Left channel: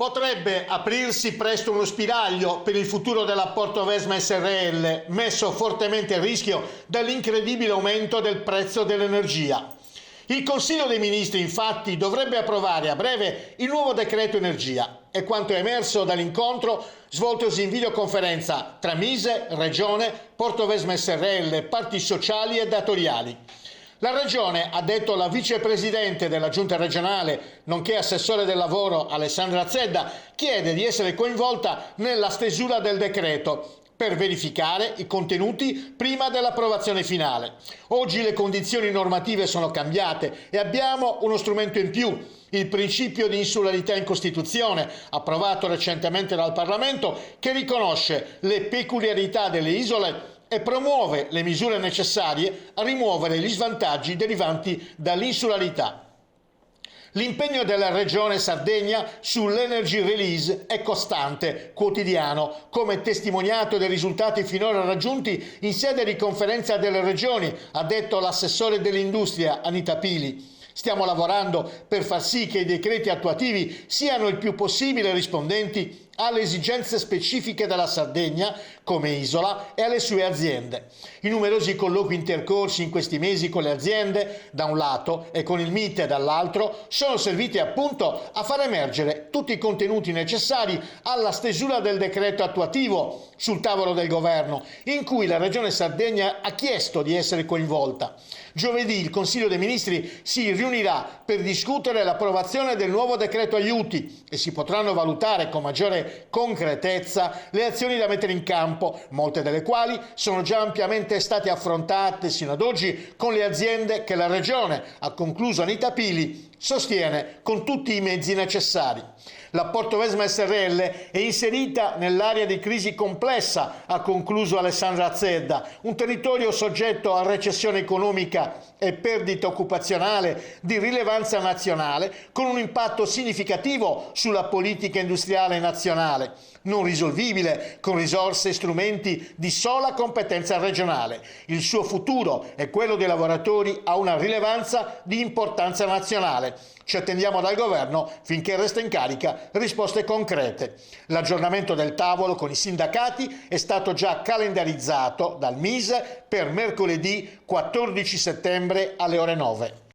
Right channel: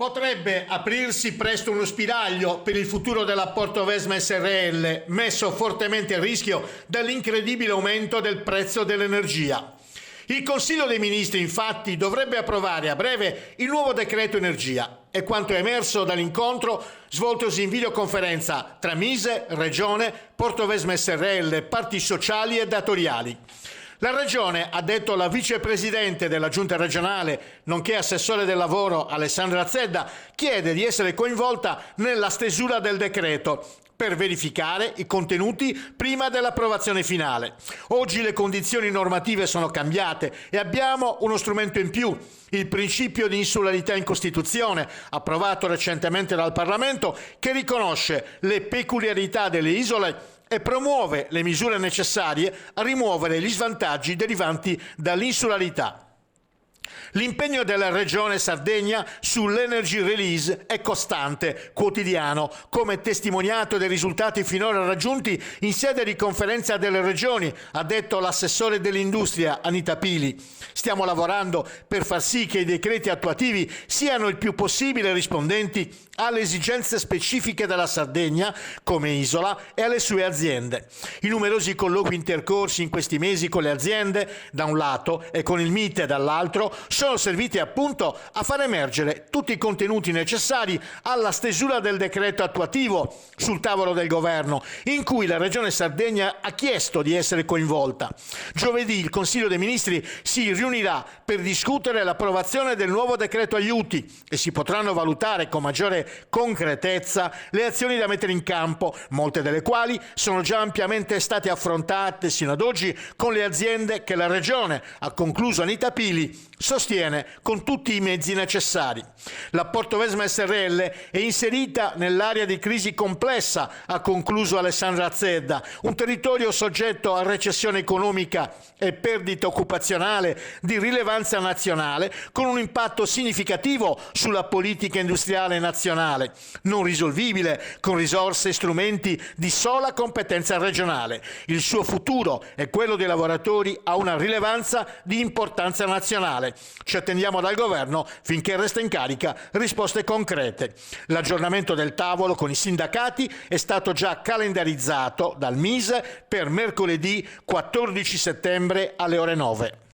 Potrebbe aprirsi presto uno spiraglio per il futuro della Portovesme SRL, messo fortemente a rischio dall'incredibile aumento del prezzo dell'energia. Il Consiglio dei Ministri, infatti, dovrebbe approvare a breve il nuovo decreto energia. È quanto è emerso dall'incontro svoltosi in videoconferenza tra Mise, Regione, Portovesme SRL, parti sociali e datoriali. La Regione, ha detto la vicepresidente della Giunta regionale, nonché assessore del lavoro Alessandra Zedda, chiede di essere coinvolta nella stesura del decreto per verificare i contenuti prima dell'approvazione finale. Oggi le condizioni normative sono cambiate e abbiamo uno strumento in più. Il principio di insularità in Costituzione, approvato recentemente dal Parlamento, che riconosce le peculiarità delle isole e promuove le misure necessarie a rimuovere gli svantaggi derivanti dall'insularità. L'impegno della Regione Sardegna sull'Energy Release è costante, quotidiano, come testimoniato dai risultati finora raggiunti in sede di conferenza delle regioni, ha detto l'assessore dell'industria Anita Pili. Stiamo lavorando per far sì che i decreti attuativi siano il più possibile rispondenti alle esigenze specifiche della Sardegna come isola e alle sue aziende. I numerosi colloqui intercorsi in questi mesi con le aziende, da un lato, e con il MITE dall'altro, sono serviti appunto a far emergere tutti i contenuti necessari alla stesura del decreto attuativo sul tavolo del governo, in cui la Regione Sardegna ha chiesto di essere coinvolta. Giovedì il Consiglio dei Ministri si riunirà per discutere l'approvazione del nuovo decreto aiuti e si potranno valutare con maggiore concretezza le azioni da mettere in campo, molte delle quali sono già ampiamente state affrontate sino ad oggi con le aziende che la Regione, ha concluso Anita Pili, sostiene con tutti i mezzi necessari. La Portovesme SRL è inserita nell'area di crisi complessa, ha concluso Alessandra Zedda, un territorio soggetto a recessione economica e perdita occupazionale di rilevanza nazionale, con un impatto significativo sulla politica industriale nazionale, non risolvibile con risorse e strumenti di sola competenza regionale. Il suo futuro e quello dei lavoratori ha una rilevanza di importanza nazionale. Ci attendiamo dal governo, finché resta in carica, risposte concrete. L'aggiornamento del tavolo con i sindacati è stato già calendarizzato dal Mise per mercoledì 14 settembre alle ore 9.